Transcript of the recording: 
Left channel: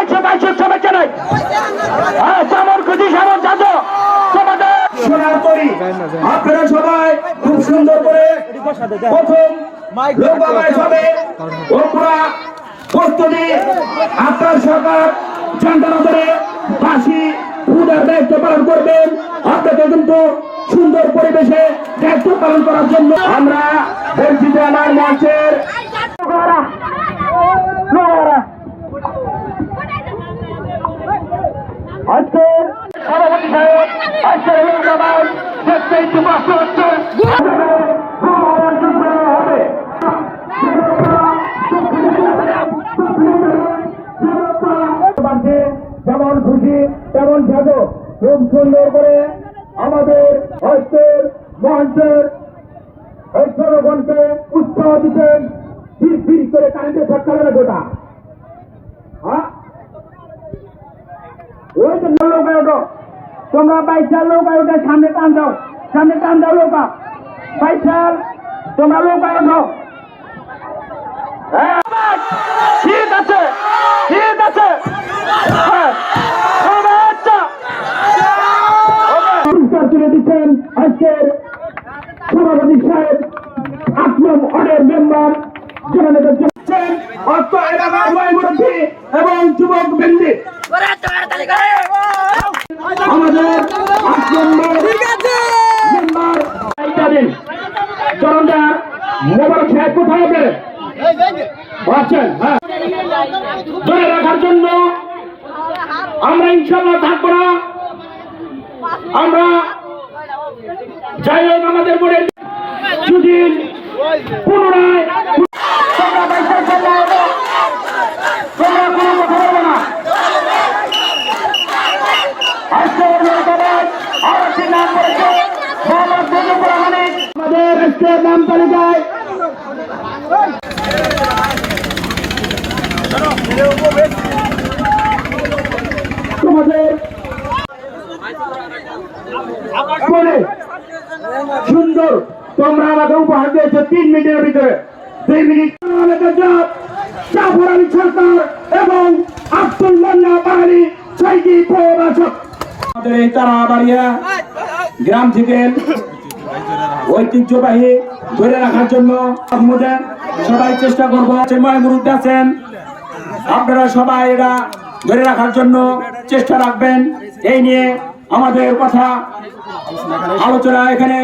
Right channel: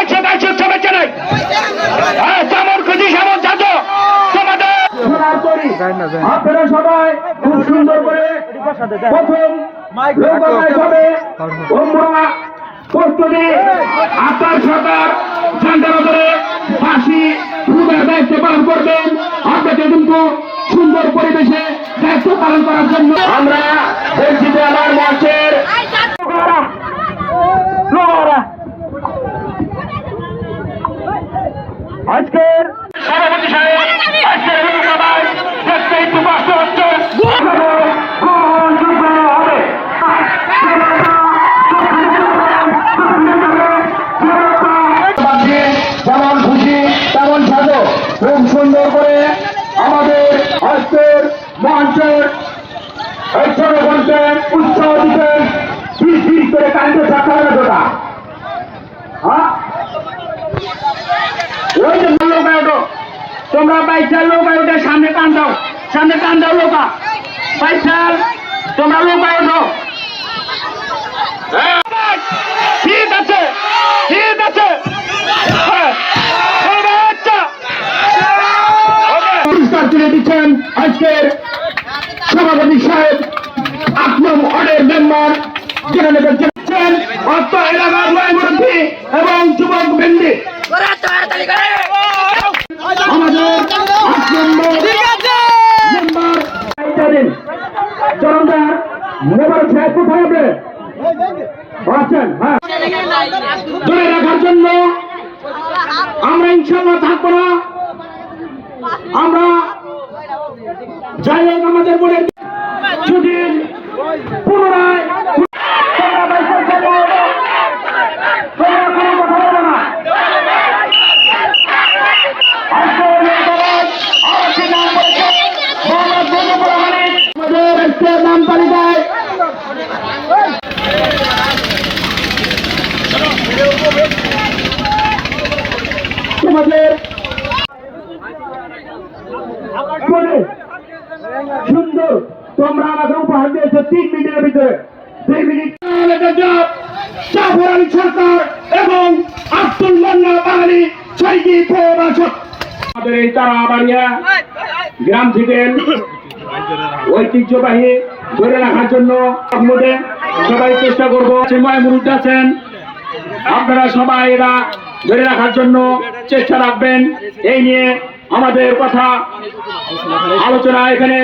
বাইশে বাইশে চলেছে নাই। হ্যাঁ, খুশি তোমাদের আপনারা সবাই খুব সুন্দর করে প্রথম প্রস্তুতি আপনার সরকার ফাঁসি দায়িত্ব পালন করবেন। আপনাকে কিন্তু সুন্দর পরিবেশে দায়িত্ব পালন করার জন্য আমরা বলছি আমার মঞ্চের আজকের সভাপতি সাহেব আজকের লোকসভায় দেখতে একটু কষ্ট হচ্ছে। যেমন খুশি তেমন সাজো। খুব সুন্দর করে আমাদের আজকের মঞ্চের জনগণকে উৎসাহ দিতে ধীর ধীর করে থাকতে হবে ওটা হ্যাঁ ওই যে লোক ওঠো। তোমরা বাইচার লোক ওঠে সামনে টান দাও। সামনে টান দাও লোকা। বাইচার তোমরা লোক ওঠো। হ্যাঁ, ঠিক আছে ঠিক আছে। হ্যাঁ, আচ্ছা। পুরস্কার তুলে দিচ্ছেন আজকের সভাপতি সাহেব আট নং ওয়ার্ডের মেম্বার। যেখানে দেখছেন অর্থ এলাকার এবং আছেন হ্যাঁ। ধরে রাখার জন্য আমরা ইনশাল্লাহ থাকব না। আমরা যাই হোক আমাদের মনে পুনরায় তোমরা বাইসাল চলে সুন্দর তোমরা আমাকে উপহার তিন মিনিটের ভিতরে। দুই মিনিট। জাফর আলী সরকার এবং আব্দুল মান্না বাহারি ছয়টি প্রবাসক আমাদের এই গ্রাম থেকে ঐতিহ্যবাহী ধরে রাখার জন্য সবাই চেষ্টা করব। ময়মুরুদ আছেন। আপনারা সবাই এটা ধরে রাখার জন্য চেষ্টা রাখবেন। এই নিয়ে আমাদের কথা আলোচনা এখানে।